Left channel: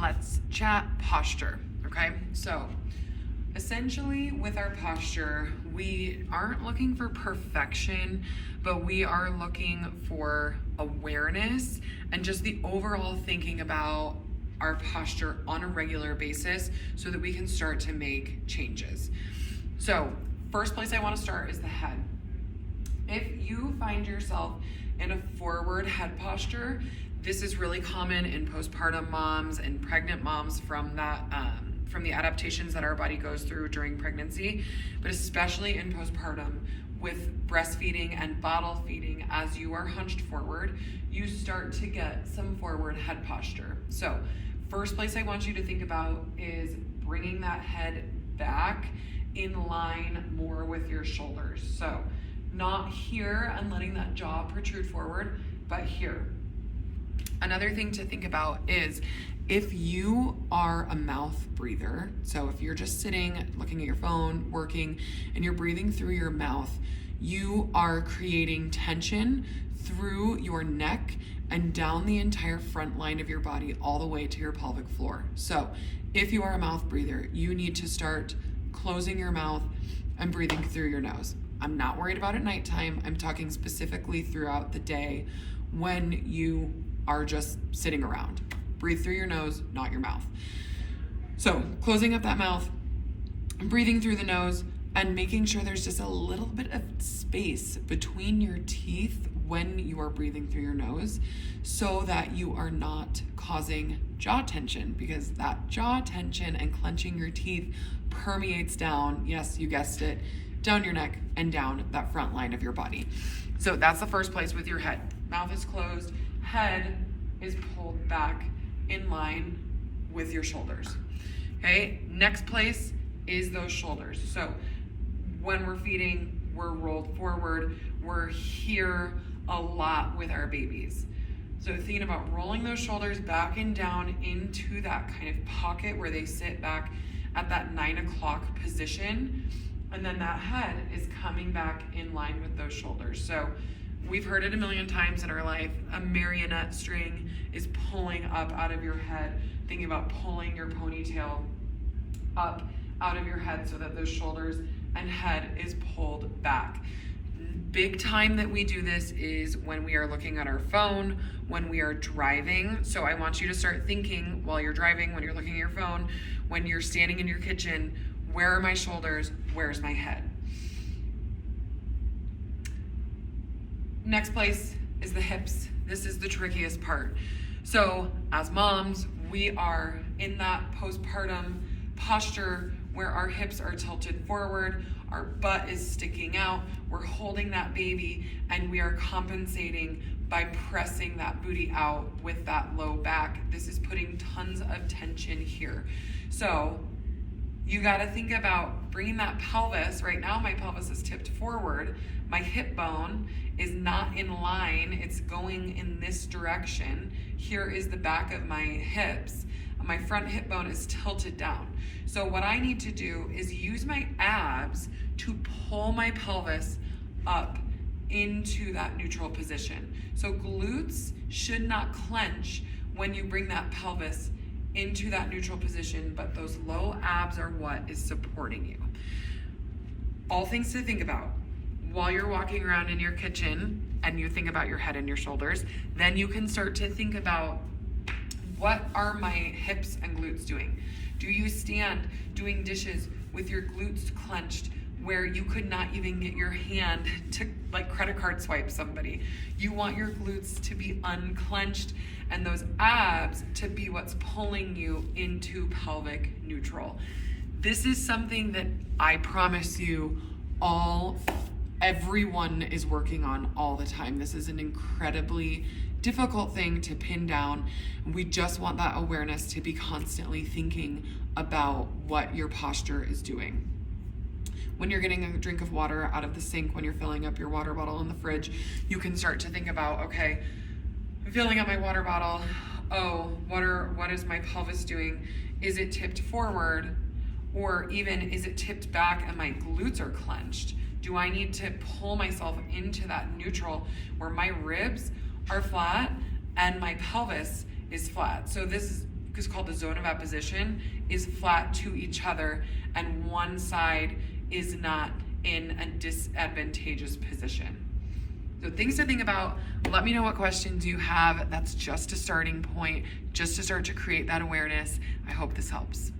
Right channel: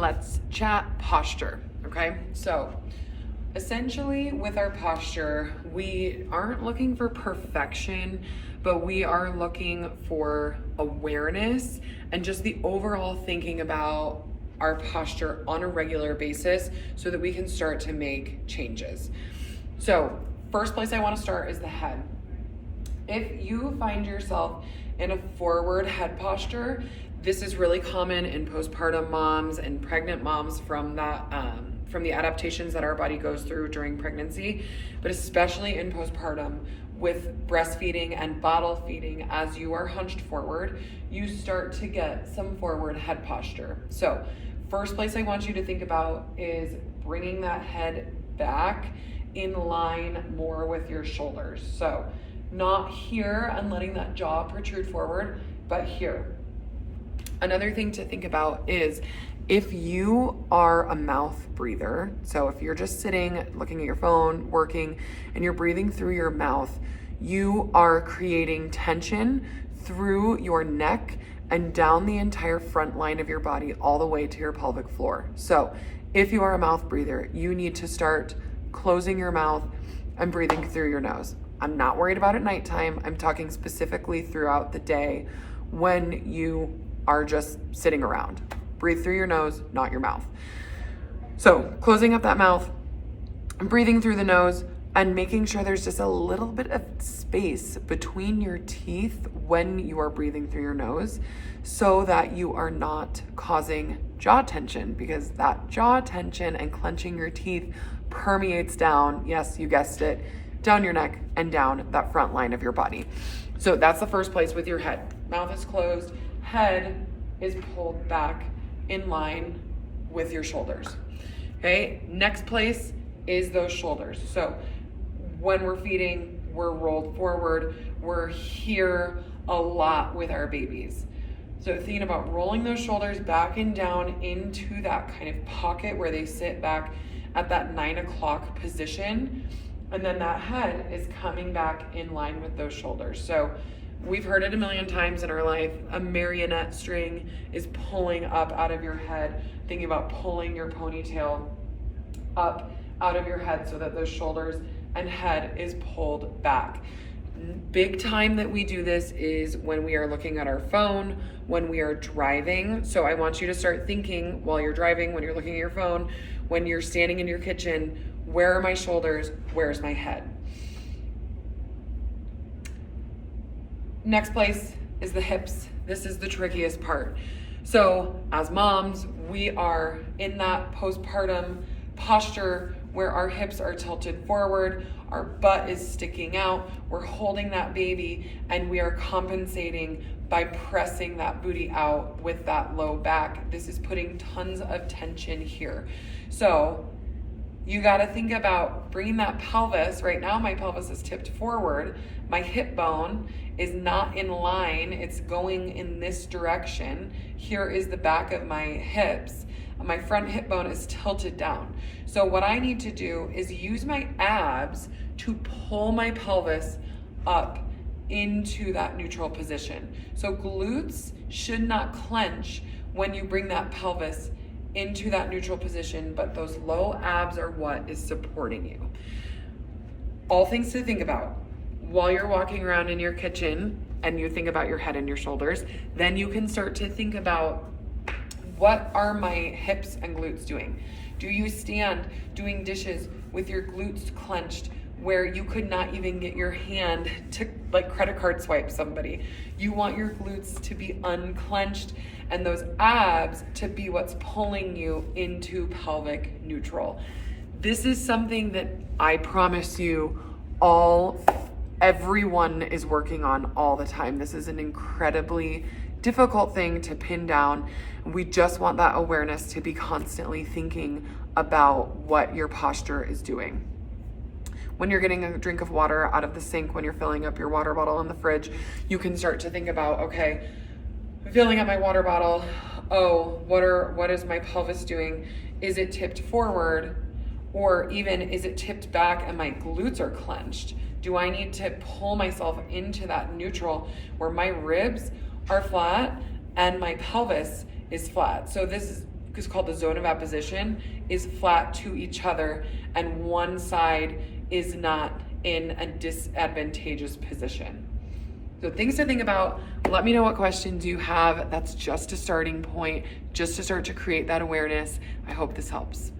let's chat posture, okay? So essentially with our posture, we aren't looking for perfection, but we are looking for awareness and just the overall thinking about our posture on a regular basis so that we can start to make changes. So first place I want to start is the head. If you find yourself in a forward head posture, this is really common in postpartum moms and pregnant moms from the adaptations that our body goes through during pregnancy, but especially in postpartum with breastfeeding and bottle feeding. As you are hunched forward, you start to get some forward head posture. So first place I want you to think about is bringing that head back in line more with your shoulders. So not here and letting that jaw protrude forward, but here. Another thing to think about is if you are a mouth breather, so if you're just sitting, looking at your phone, working, and you're breathing through your mouth, you are creating tension through your neck and down the entire front line of your body all the way to your pelvic floor. So if you are a mouth breather, you need to start closing your mouth and breathing through your nose. I'm not worried about at nighttime. I'm talking specifically throughout the day when you are just sitting around. Breathe through your nose, not your mouth. So closing up that mouth, breathing through the nose, and making sure there's just a little bit of space between your teeth when you are breathing through your nose so that you are not causing jaw tension, because that jaw tension and clenching your teeth permeates down, yes, you guessed it, down your neck and down that front line of your body. So that's the first place with your head. Mouth is closed, head is pulled back in line with your shoulders. Okay, next place is those shoulders. So when we're feeding, we're rolled forward, we're here a lot with our babies. So thinking about rolling those shoulders back and down into that kind of pocket where they sit back at that 9 o'clock position. And then that head is coming back in line with those shoulders. So we've heard it a million times in our life. A marionette string is pulling up out of your head. Thinking about pulling your ponytail up out of your head so that those shoulders and head is pulled back. Big time that we do this is when we are looking at our phone, when we are driving. So I want you to start thinking while you're driving, when you're looking at your phone, when you're standing in your kitchen, where are my shoulders? Where's my head? Next place is the hips. This is the trickiest part. So as moms, we are in that postpartum posture where our hips are tilted forward, our butt is sticking out, we're holding that baby, and we are compensating by pressing that booty out with that low back. This is putting tons of tension here. So you gotta think about bringing that pelvis. Right now my pelvis is tipped forward. My hip bone is not in line. It's going in this direction. Here is the back of my hips. My front hip bone is tilted down. So what I need to do is use my abs to pull my pelvis up into that neutral position. So glutes should not clench when you bring that pelvis into that neutral position, but those low abs are what is supporting you. All things to think about while you're walking around in your kitchen and you think about your head and your shoulders, then you can start to think about, what are my hips and glutes doing? Do you stand doing dishes with your glutes clenched where you could not even get your hand to like credit card swipe somebody? You want your glutes to be unclenched and those abs to be what's pulling you into pelvic neutral. This is something that I promise you everyone is working on all the time. This is an incredibly difficult thing to pin down. We just want that awareness to be constantly thinking about what your posture is doing. When you're getting a drink of water out of the sink, when you're filling up your water bottle in the fridge, you can start to think about, okay, I'm filling up my water bottle. Oh, what is my pelvis doing? Is it tipped forward? Or even is it tipped back and my glutes are clenched? Do I need to pull myself into that neutral where my ribs are flat and my pelvis is flat? So this is called the zone of apposition, is flat to each other, and one side is not in a disadvantageous position. So things to think about. Let me know what questions you have. That's just a starting point, just to start to create that awareness. I hope this helps.